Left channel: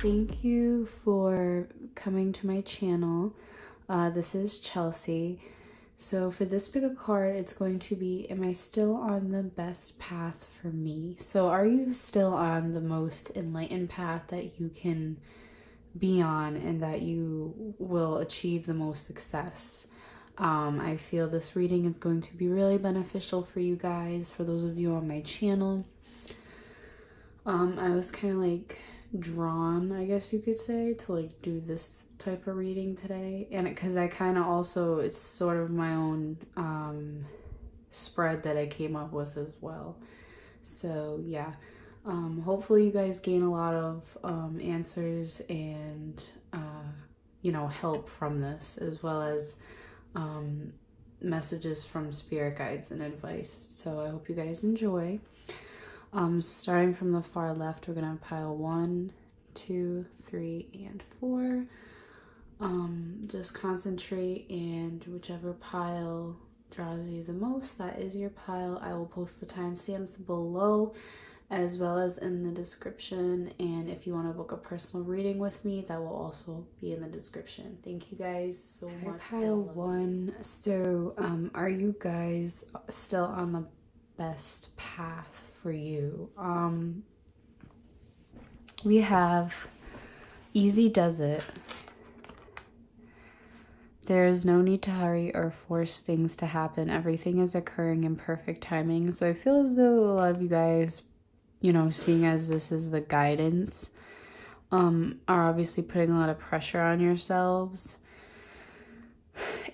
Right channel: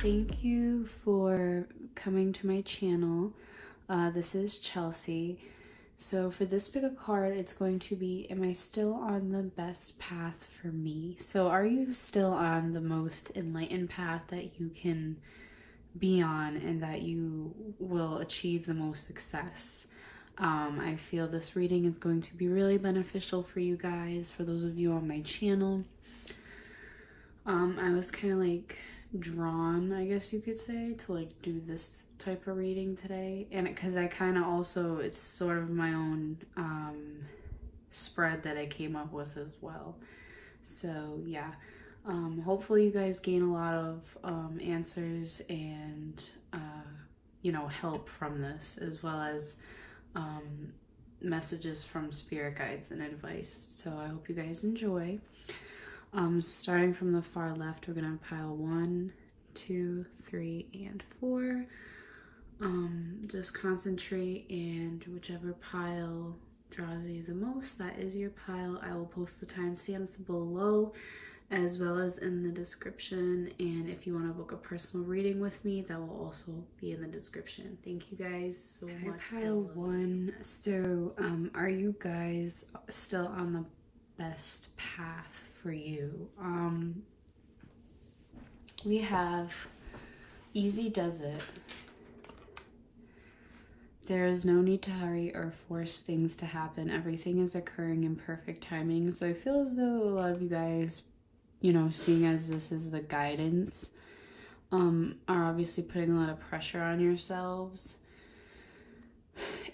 Thank you for coming to my channel. This is Chelsea. So for this pick a card, it's going to be, am I still on the best path for me? So are you still on the most enlightened path that you can be on and that you will achieve the most success? I feel this reading is going to be really beneficial for you guys, for those of you on my channel. I was kind of like drawn, I guess you could say, to like do this type of reading today, and because I kind of also, it's sort of my own spread that I came up with as well. So yeah, hopefully you guys gain a lot of answers and you know, help from this, as well as messages from spirit guides and advice. So I hope you guys enjoy. Starting from the far left, we're gonna pile 1, 2, 3, and 4. Just concentrate, and whichever pile draws you the most, that is your pile. I will post the timestamps below as well as in the description, and if you want to book a personal reading with me, that will also be in the description. Thank you guys so much. Pile 1. So are you guys still on the best path for you? We have easy does it. There is no need to hurry or force things to happen. Everything is occurring in perfect timing. So I feel as though a lot of you guys, you know, seeing as this is the guidance, are obviously putting a lot of pressure on yourselves.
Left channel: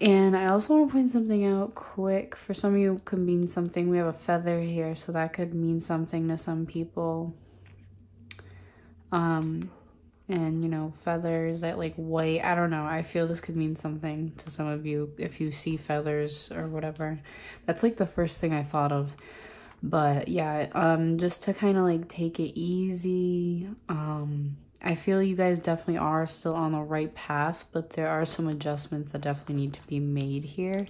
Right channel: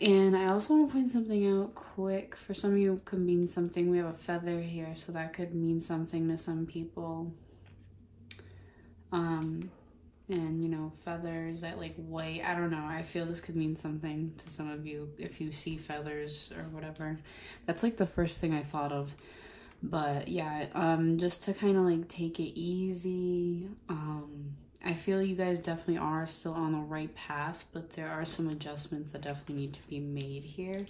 And I also want to point something out quick. For some of you, it could mean something. We have a feather here, so that could mean something to some people. And you know, feathers, that like white, I don't know. I feel this could mean something to some of you if you see feathers or whatever. That's like the first thing I thought of. But yeah, just to kind of like take it easy. I feel you guys definitely are still on the right path, but there are some adjustments that definitely need to be made here.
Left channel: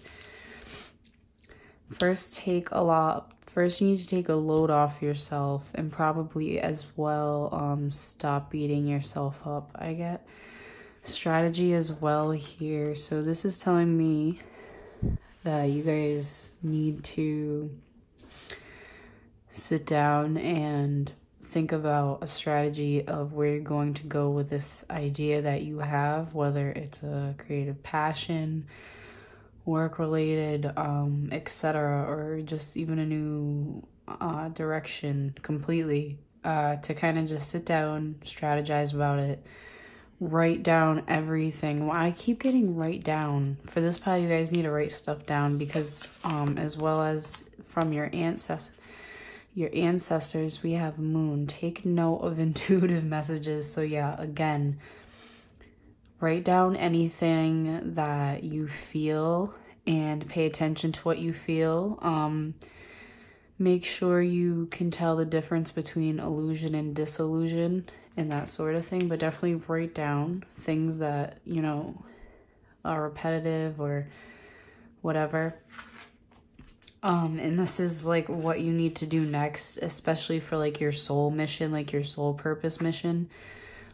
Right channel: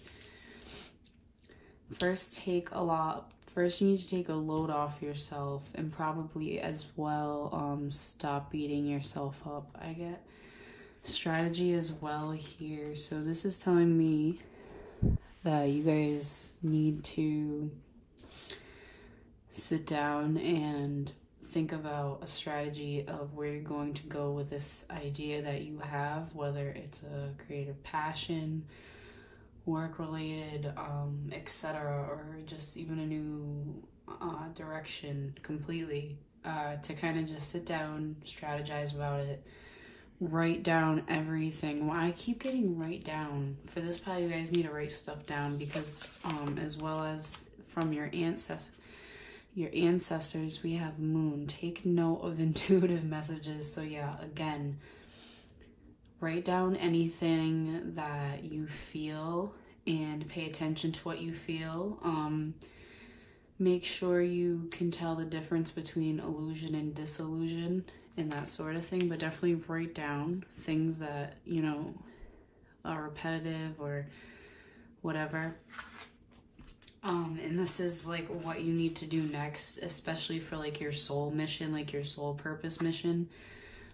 First, you need to take a load off yourself, and probably as well stop beating yourself up. I get strategy as well here. So this is telling me that you guys need to sit down and think about a strategy of where you're going to go with this idea that you have, whether it's a creative passion, work related, etc., or just even a new direction completely, to kind of just sit down, strategize about it, write down everything. Well, I keep getting write down. For this pile, you guys need to write stuff down, because as well as from your ancestors, we have moon. Take note of intuitive messages. So yeah, again, write down anything that you feel and pay attention to what you feel. Make sure you can tell the difference between illusion and disillusion and that sort of thing, but definitely write down things that, you know, are repetitive or whatever. And this is like what you need to do next, especially for like your soul mission, like your soul purpose mission.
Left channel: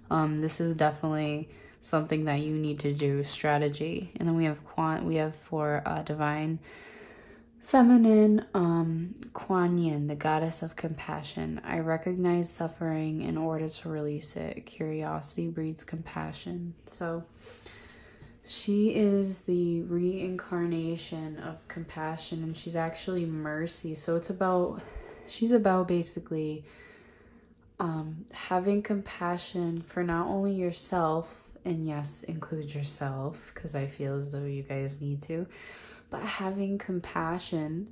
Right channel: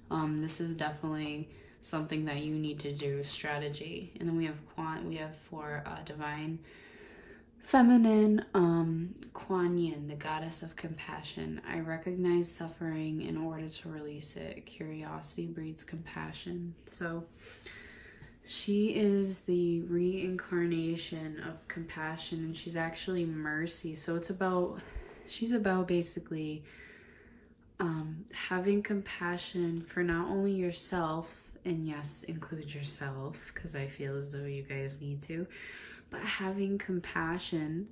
This is definitely something that you need to do, strategy. And then we have for divine feminine, Kuan Yin, the goddess of compassion. I recognize suffering in order to release it. Curiosity breeds compassion. So she is the reincarnation of compassion, and she's actually mercy. So she's about basically having compassion for not only yourself, and yes, include yourself, because I feel as though you guys need to, but having compassion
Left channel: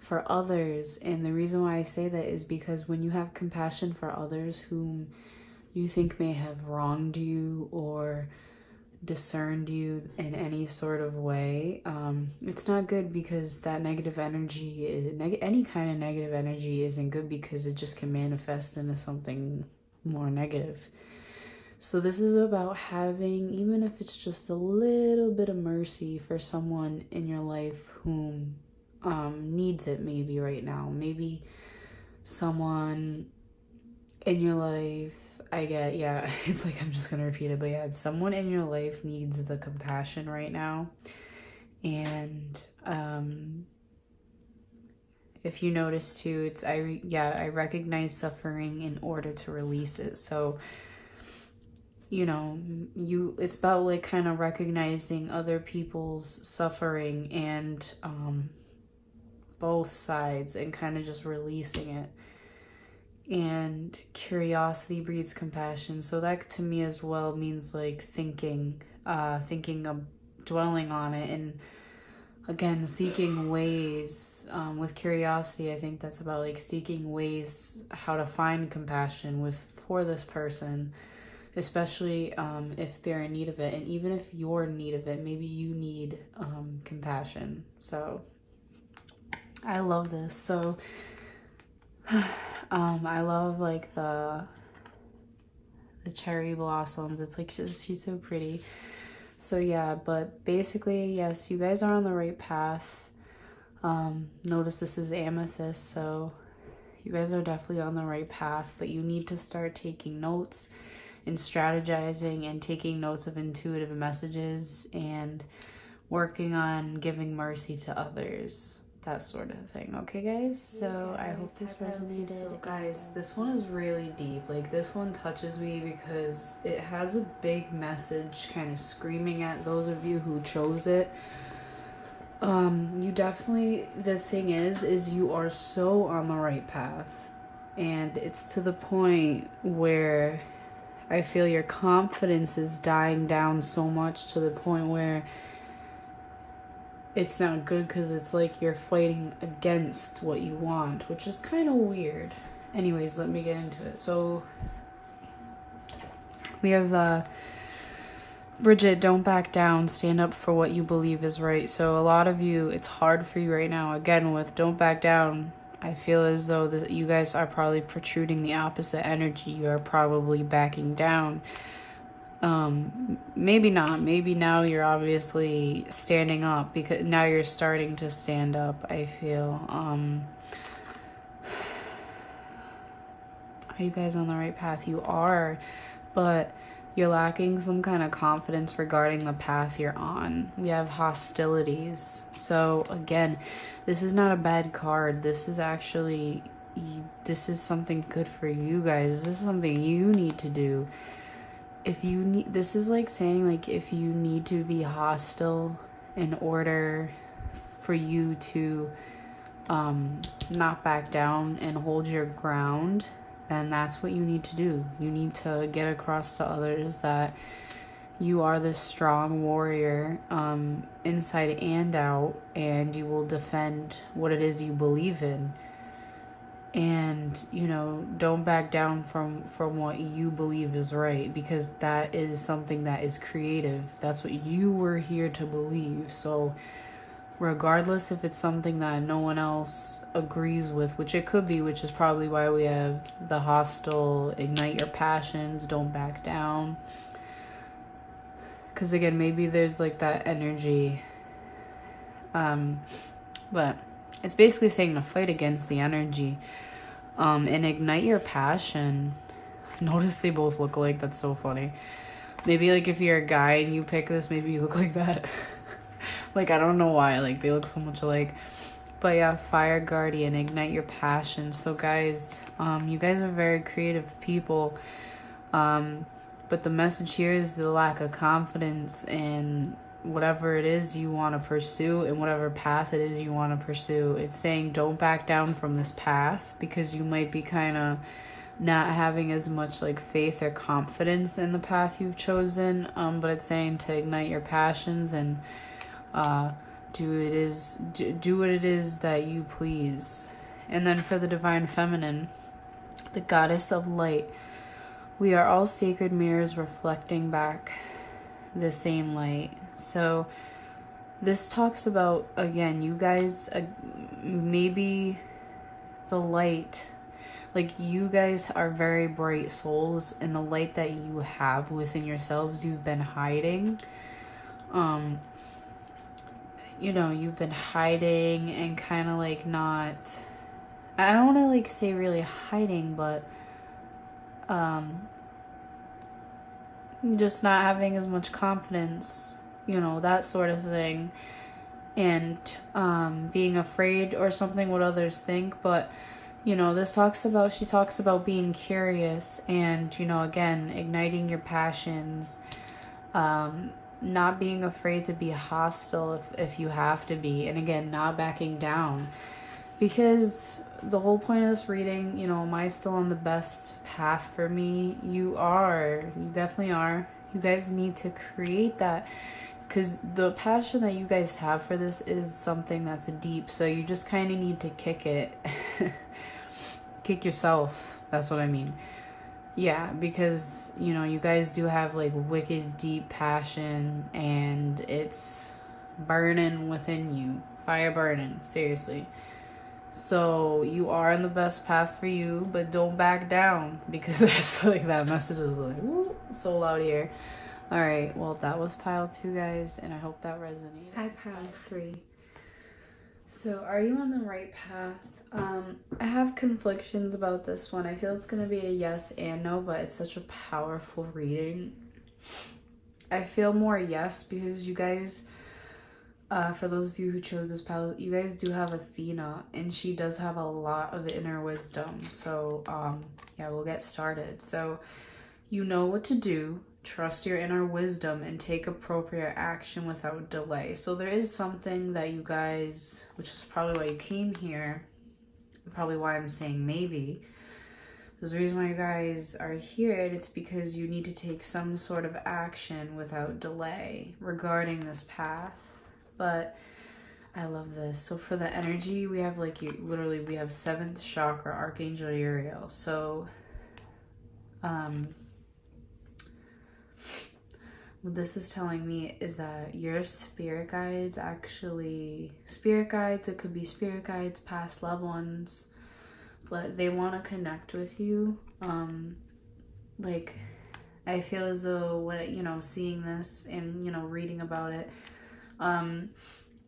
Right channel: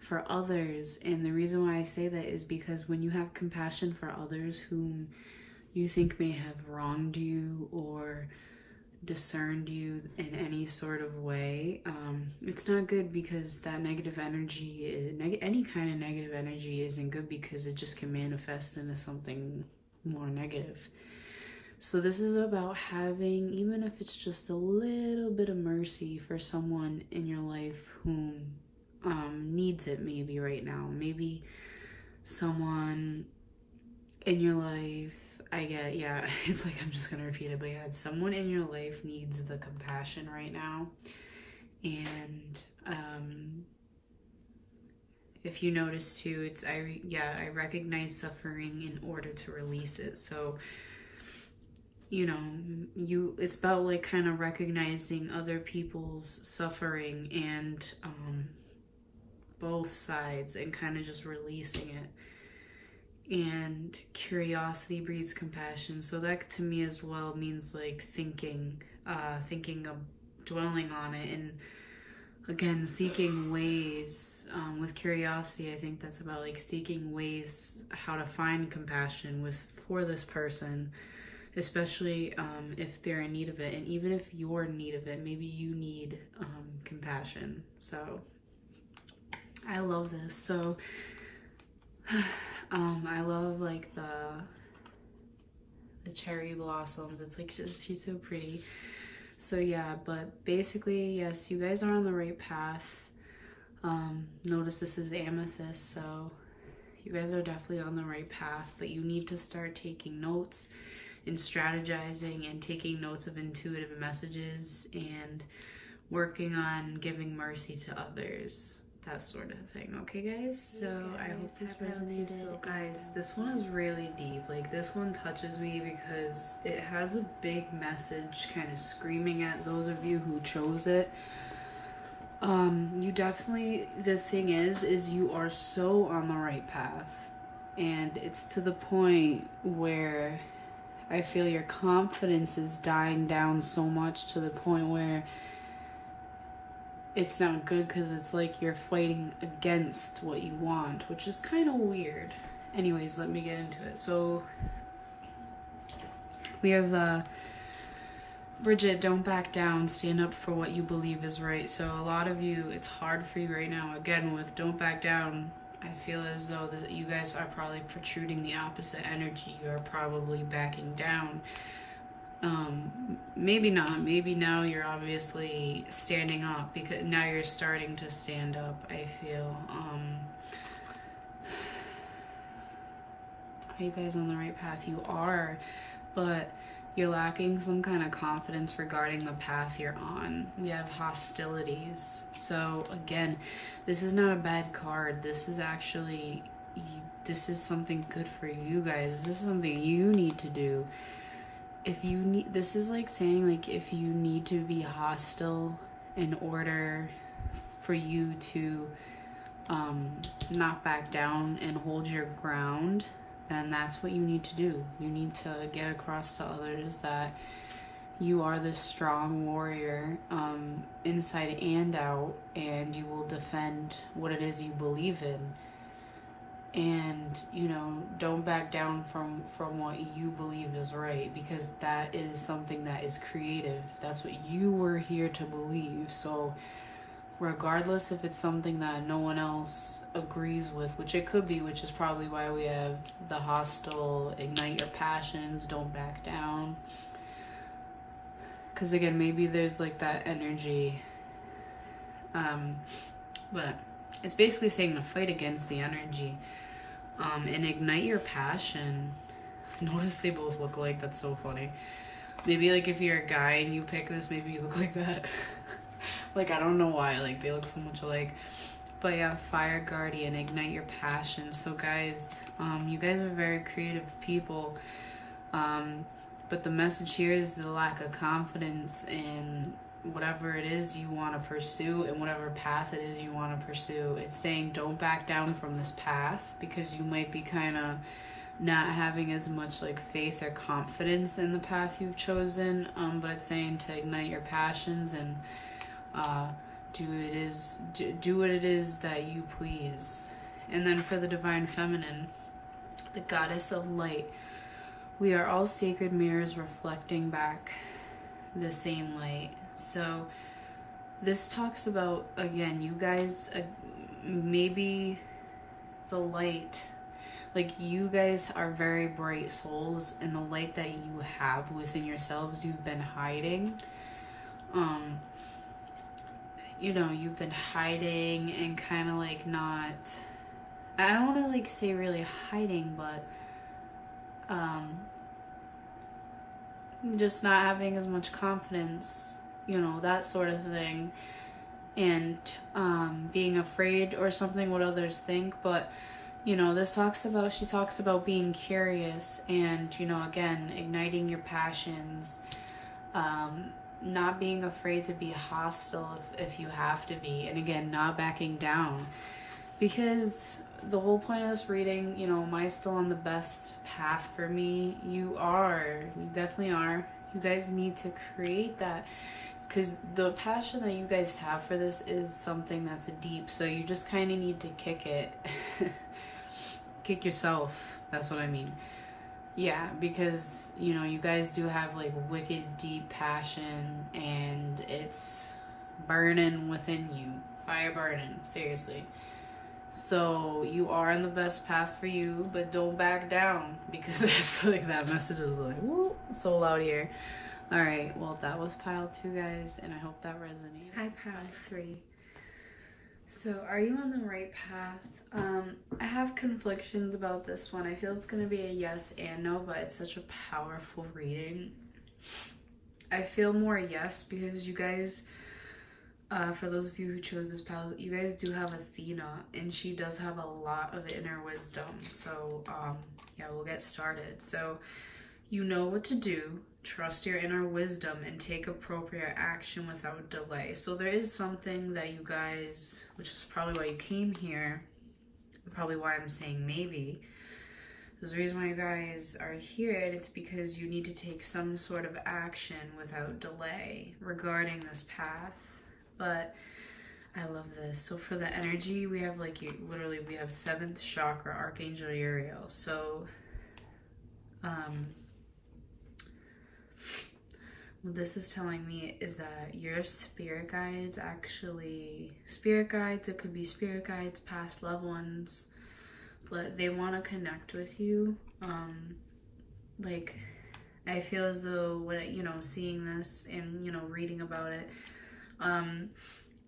for others. And the reason why I say that is because when you have compassion for others whom you think may have wronged you or discerned you in any sort of way, it's not good, because that negative energy, any kind of negative energy isn't good, because it just can manifest into something more negative. So this is about having, even if it's just a little bit of mercy for someone in your life whom needs it maybe right now. Maybe someone in your life I get, yeah, it's like I'm just gonna repeat it, but yeah, someone in your life needs the compassion right now. And if you notice too, it's I recognize suffering in order to release it. So, you know, it's about like kind of recognizing other people's suffering and both sides, and kind of just releasing it. And curiosity breeds compassion. So that to me as well means like thinking of dwelling on it, and again, seeking ways. With curiosity, I think that's about like seeking ways how to find compassion for this person, especially if they're in need of it. And even if you're in need of it, maybe you need compassion. So I love this. So I love like the cherry blossoms. It's like she's so pretty. So yeah, but basically, yes, you guys are on the right path. Notice this is amethyst, so you guys are definitely on the right path, but you need to start taking notes and strategizing and taking notes of intuitive messages and working on giving mercy to others. That sort of thing. Okay, guys? So I hope this resonated. So guys, this one is really deep. Like, this one touches me because it has a big message kind of screaming at those of you who chose it. You definitely, the thing is you are so on the right path. And it's to the point where I feel your confidence is dying down so much to the point where it's not good, because it's like you're fighting against what you want, which is kind of weird. Anyways, let me get into it. So we have Bridget, don't back down, stand up for what you believe is right. So a lot of you, it's hard for you right now. Again, with don't back down, I feel as though that you guys are probably protruding the opposite energy. You are probably backing down. Maybe not. Maybe now you're obviously standing up, because now you're starting to stand up, I feel. Are you guys on the right path? You are, but you're lacking some kind of confidence regarding the path you're on. You have hostilities. So again, this is not a bad card. This is actually, this is something good for you guys. This is something you need to do. If you need, this is like saying, like, if you need to be hostile in order for you to not back down and hold your ground, then that's what you need to do. You need to get across to others that you are the strong warrior, inside and out, and you will defend what it is you believe in. And, you know, don't back down from what you believe is right, because that is something that is creative. That's what you were here to believe. So regardless if it's something that no one else agrees with, which it could be, which is probably why we have the hostile, ignite your passions, don't back down. Because again, maybe there's like that energy. But it's basically saying to fight against the energy. And ignite your passion. Notice they both look alike. That's so funny. Maybe like if you're a guy and you pick this, maybe you look like that. Like, I don't know why. Like, they look so much alike. But yeah, Fire Guardian, ignite your passion. So guys, you guys are very creative people. But the message here is the lack of confidence in whatever it is you want to pursue and whatever path it is you want to pursue. It's saying don't back down from this path, because you might be kind of not having as much like faith or confidence in the path you've chosen. But it's saying to ignite your passions and do what it is that you please. And then for the Divine Feminine, the Goddess of Light, we are all sacred mirrors reflecting back the same light. So this talks about, again, you guys, maybe the light, like, you guys are very bright souls, and the light that you have within yourselves, you've been hiding. You know, you've been hiding and kind of like not, I don't want to like say really hiding, but just not having as much confidence, you know, that sort of thing, and being afraid or something what others think. But you know, she talks about being curious and, you know, again, igniting your passions, not being afraid to be hostile if you have to be, and again, not backing down. Because the whole point of this reading, you know, am I still on the best path for me? You are. You definitely are. You guys need to create that, because the passion that you guys have for this is something that's deep. So you just kind of need to kick it. Kick yourself. That's what I mean. Yeah, because, you know, you guys do have like wicked deep passion, and it's burning within you. Fire burning, seriously. So you are on the best path for you, but don't back down, because that's like, that message is like, woo, so loud here. All right, well, that was pile 2, guys, and I hope that resonated. Hi, pile 3. So are you on the right path? I have conflictions about this one. I feel it's going to be a yes and no, but it's such a powerful reading. I feel more yes, because you guys, for those of you who chose this pile, you guys do have Athena, and she does have a lot of inner wisdom. So, yeah, we'll get started. So, you know what to do. Trust your inner wisdom and take appropriate action without delay. So there is something that you guys, which is probably why you came here, probably why I'm saying maybe. There's a reason why you guys are here, and it's because you need to take some sort of action without delay regarding this path. But I love this. So for the energy, we have like, literally we have 7th chakra, Archangel Uriel. So, what this is telling me is that your spirit guides, it could be spirit guides, past loved ones, but they want to connect with you. Like, I feel as though, you know, seeing this and, you know, reading about it,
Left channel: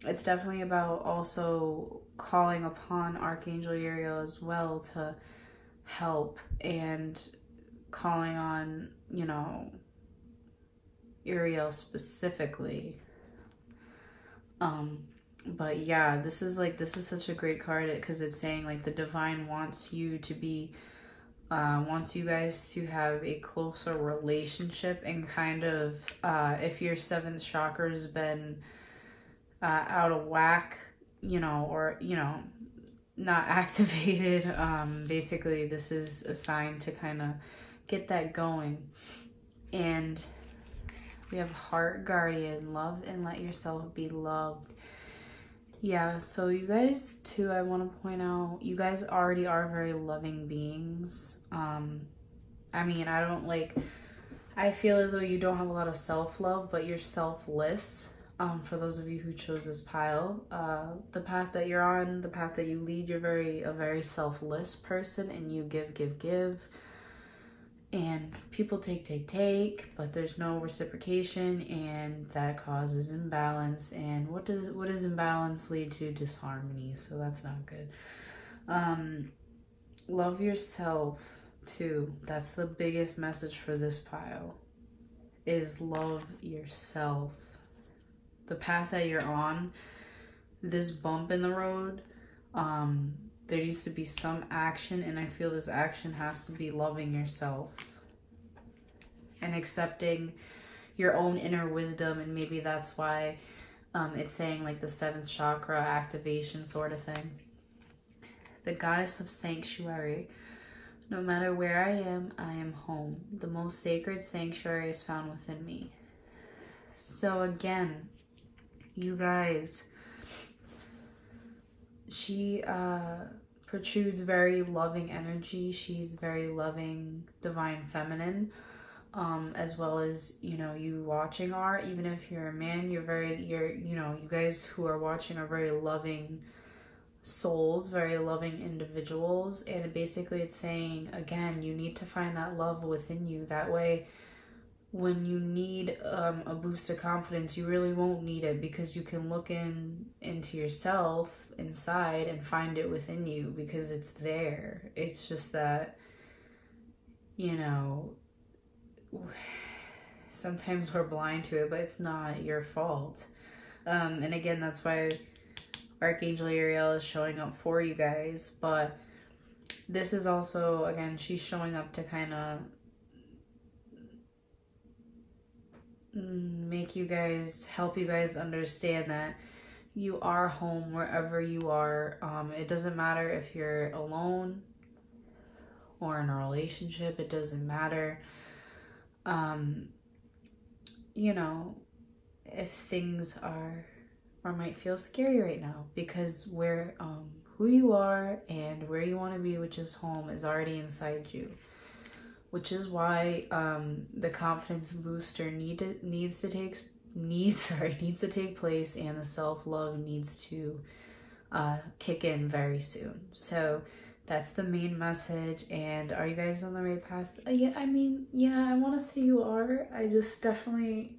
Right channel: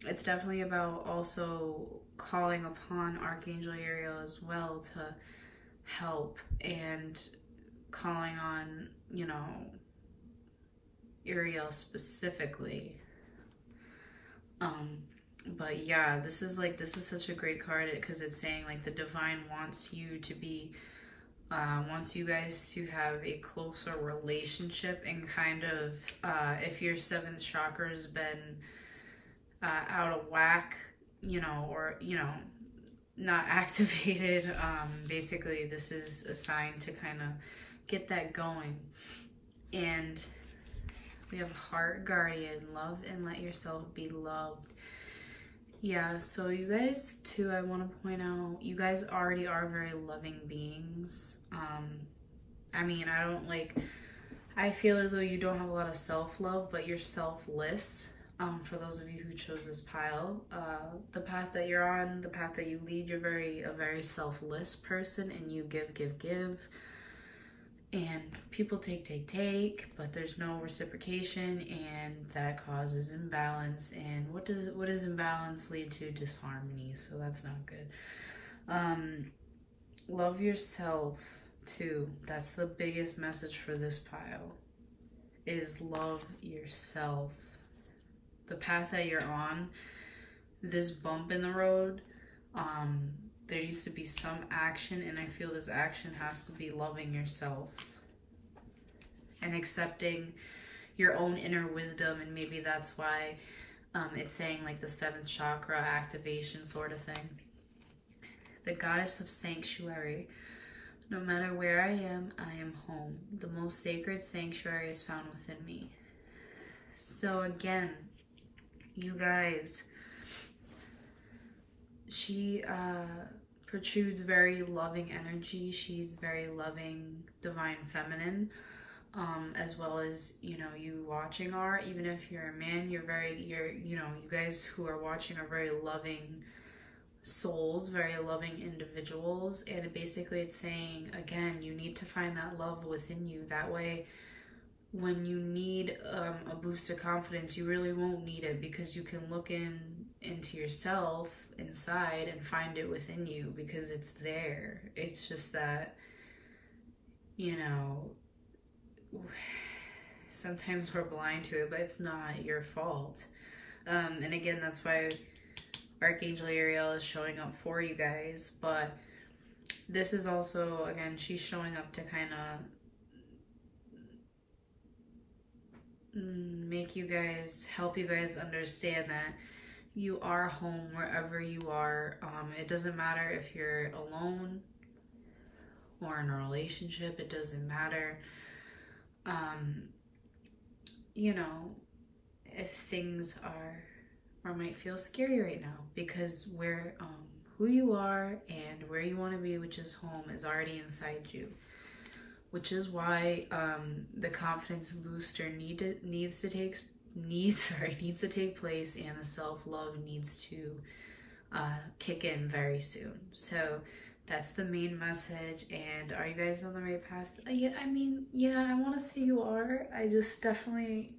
it's definitely about also calling upon Archangel Uriel as well to help, and calling on, you know, Uriel specifically. But yeah, this is such a great card, because it's saying like the divine wants you to be, wants you guys to have a closer relationship, and kind of, if your 7th chakra's been out of whack, you know, or, you know, not activated, basically this is a sign to kind of get that going. And we have Heart Guardian, love and let yourself be loved. Yeah, so you guys too, I want to point out, you guys already are very loving beings. I mean, I feel as though you don't have a lot of self-love, but you're selfless. For those of you who chose this pile, the path that you're on, the path that you lead, you're a very selfless person, and you give. And people take, but there's no reciprocation, and that causes imbalance. And what does imbalance lead to? Disharmony. So that's not good. Love yourself too. That's the biggest message for this pile, is love yourself. The path that you're on, this bump in the road, there needs to be some action, and I feel this action has to be loving yourself and accepting your own inner wisdom. And maybe that's why it's saying like the 7th chakra activation sort of thing. The goddess of sanctuary. No matter where I am home. The most sacred sanctuary is found within me. So again, you guys, she protrudes very loving energy. She's very loving, divine feminine, as well as, you know, you watching are, even if you're a man, you know, you guys who are watching are very loving souls, very loving individuals. And basically it's saying, again, you need to find that love within you. That way, when you need a boost of confidence, you really won't need it, because you can look into yourself inside and find it within you, because it's there. It's just that, you know, sometimes we're blind to it, but it's not your fault. And again, that's why Archangel Ariel is showing up for you guys. But this is also, again, she's showing up to kind of help you guys understand that you are home wherever you are. It doesn't matter if you're alone or in a relationship. It doesn't matter. You know, if things are or might feel scary right now, because where who you are and where you want to be, which is home, is already inside you, which is why the confidence booster needs to take place, and the self-love needs to kick in very soon. So that's the main message. And are you guys on the right path? Yeah, I mean, yeah, I want to say you are. I just definitely,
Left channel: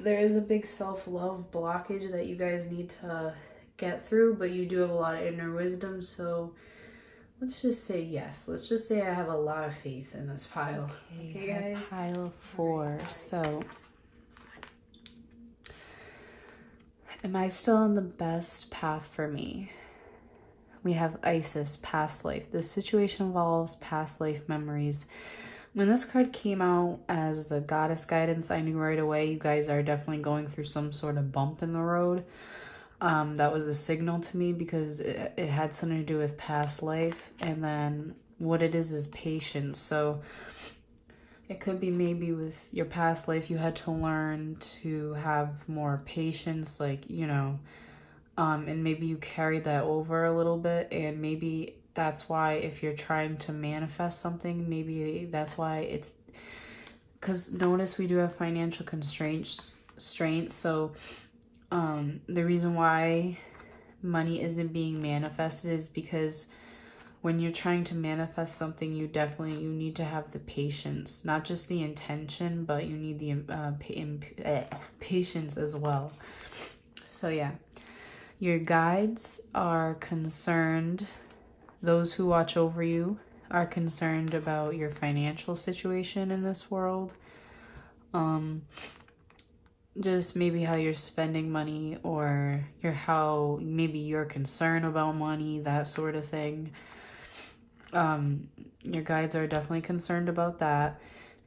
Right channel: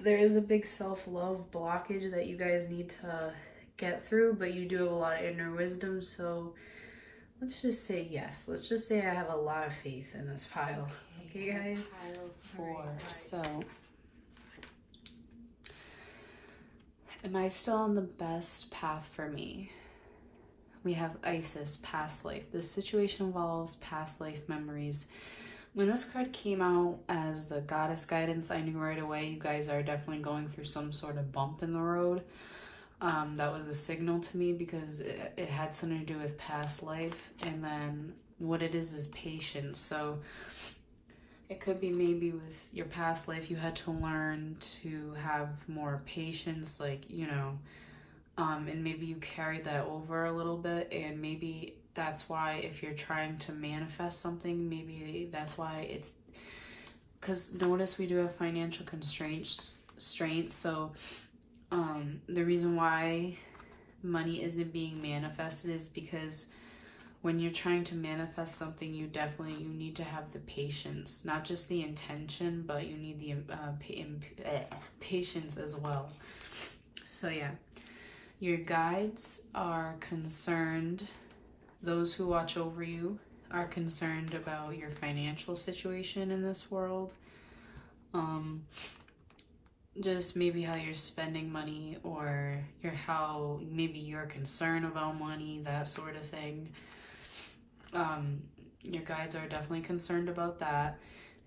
there is a big self-love blockage that you guys need to get through, but you do have a lot of inner wisdom. So let's just say yes. Let's just say I have a lot of faith in this pile. Okay guys? Pile 4. So, am I still on the best path for me? We have Isis, past life. This situation involves past life memories. When this card came out as the goddess guidance, I knew right away you guys are definitely going through some sort of bump in the road. That was a signal to me, because it had something to do with past life. And then what it is patience. So it could be maybe with your past life you had to learn to have more patience, like, you know, and maybe you carried that over a little bit, and maybe that's why if you're trying to manifest something, maybe that's why it's, because notice we do have financial constraints, so the reason why money isn't being manifested is because when you're trying to manifest something, you need to have the patience, not just the intention, but you need the patience as well. So yeah, your guides are concerned, those who watch over you are concerned about your financial situation in this world. Just maybe how you're spending money, or how maybe you're concerned about money, that sort of thing. Your guides are definitely concerned about that.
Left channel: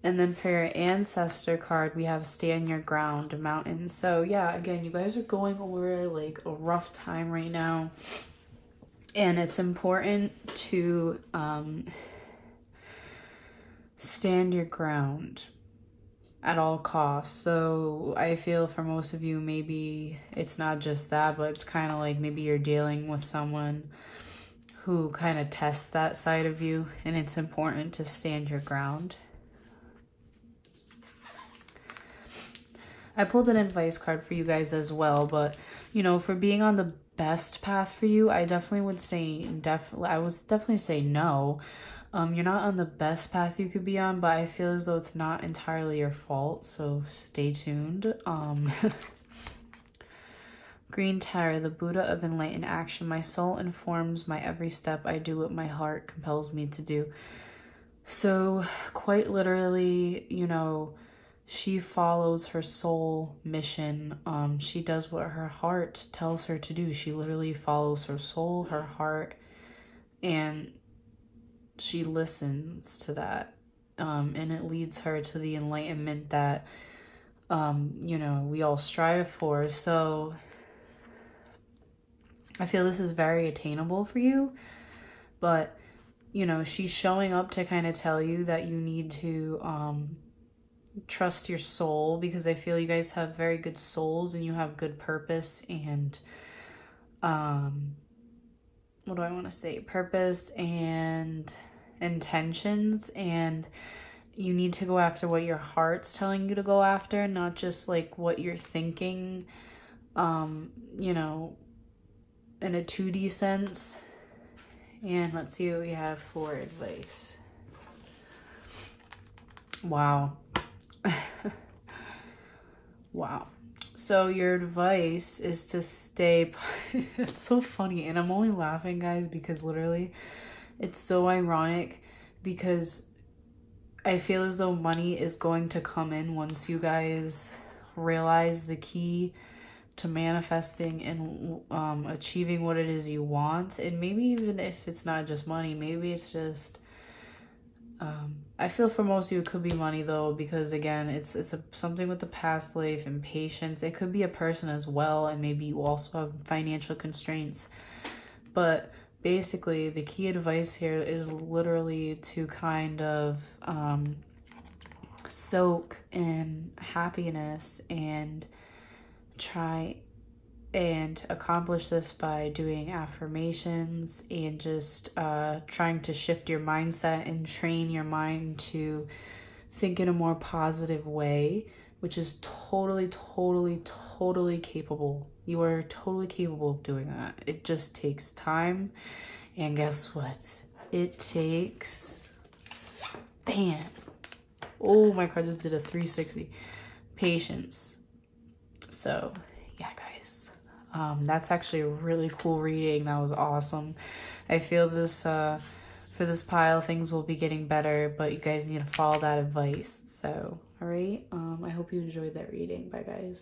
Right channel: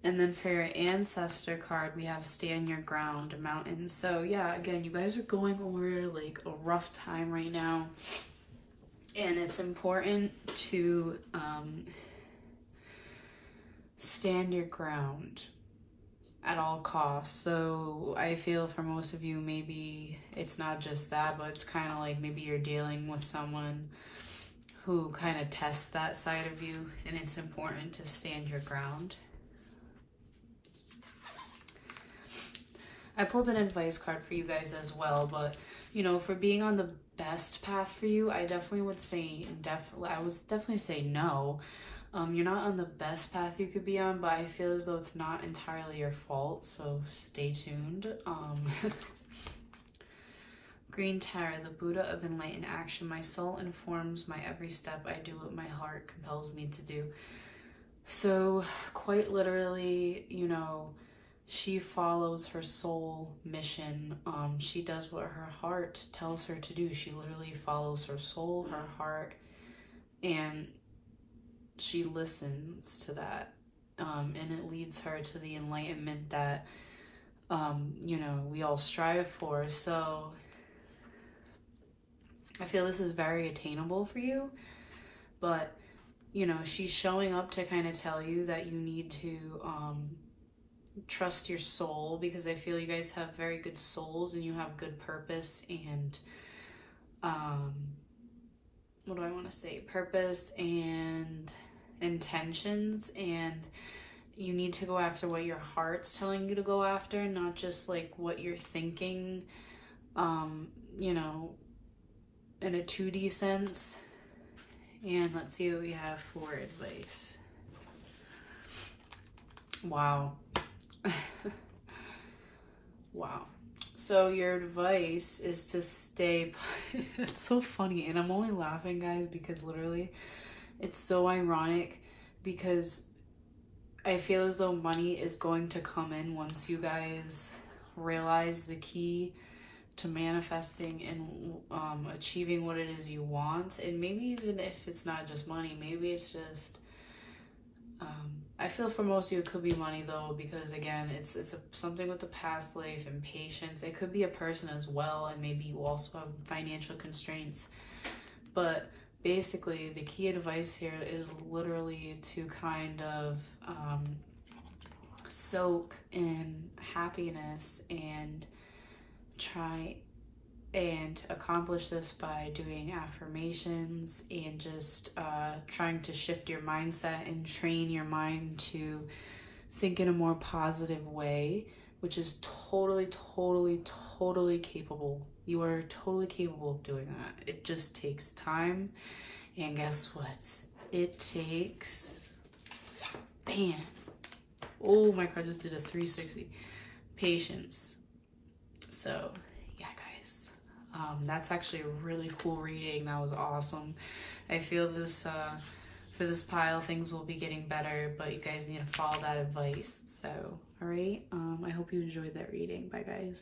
And then for your ancestor card, we have stand your ground, mountain. So yeah, again, you guys are going over like a rough time right now, and it's important to stand your ground at all costs. So I feel for most of you, maybe it's not just that, but it's kind of like maybe you're dealing with someone who kind of tests that side of you, and it's important to stand your ground. I pulled an advice card for you guys as well, but you know, for being on the best path for you, I definitely would say definitely say no. You're not on the best path you could be on, but I feel as though it's not entirely your fault, so stay tuned. Green Tower, the Buddha of enlightened action. My soul informs my every step. I do what my heart compels me to do. So quite literally, you know, she follows her soul mission. She does what her heart tells her to do. She literally follows her soul, her heart, and she listens to that. And it leads her to the enlightenment that, you know, we all strive for. So I feel this is very attainable for you, but, you know, she's showing up to kind of tell you that you need to trust your soul, because I feel you guys have very good souls and you have good purpose and, what do I want to say? Purpose and intentions, and you need to go after what your heart's telling you to go after, not just like what you're thinking, you know, in a 2D sense. And let's see what we have for advice. Wow. Wow. So your advice is to stay, it's so funny, and I'm only laughing, guys, because literally it's so ironic, because I feel as though money is going to come in once you guys realize the key to manifesting and achieving what it is you want. And maybe even if it's not just money, maybe it's just I feel for most of you it could be money though, because again it's something with the past life and patience. It could be a person as well, and maybe you also have financial constraints. But basically the key advice here is literally to kind of soak in happiness and try and accomplish this by doing affirmations and just trying to shift your mindset and train your mind to think in a more positive way, which is totally capable. You are totally capable of doing that. It just takes time, and guess what? It takes, bam. Oh, my card just did a 360. Patience. So yeah, guys, that's actually a really cool reading. That was awesome. I feel this for this pile things will be getting better, but you guys need to follow that advice. So all right, I hope you enjoyed that reading. Bye guys.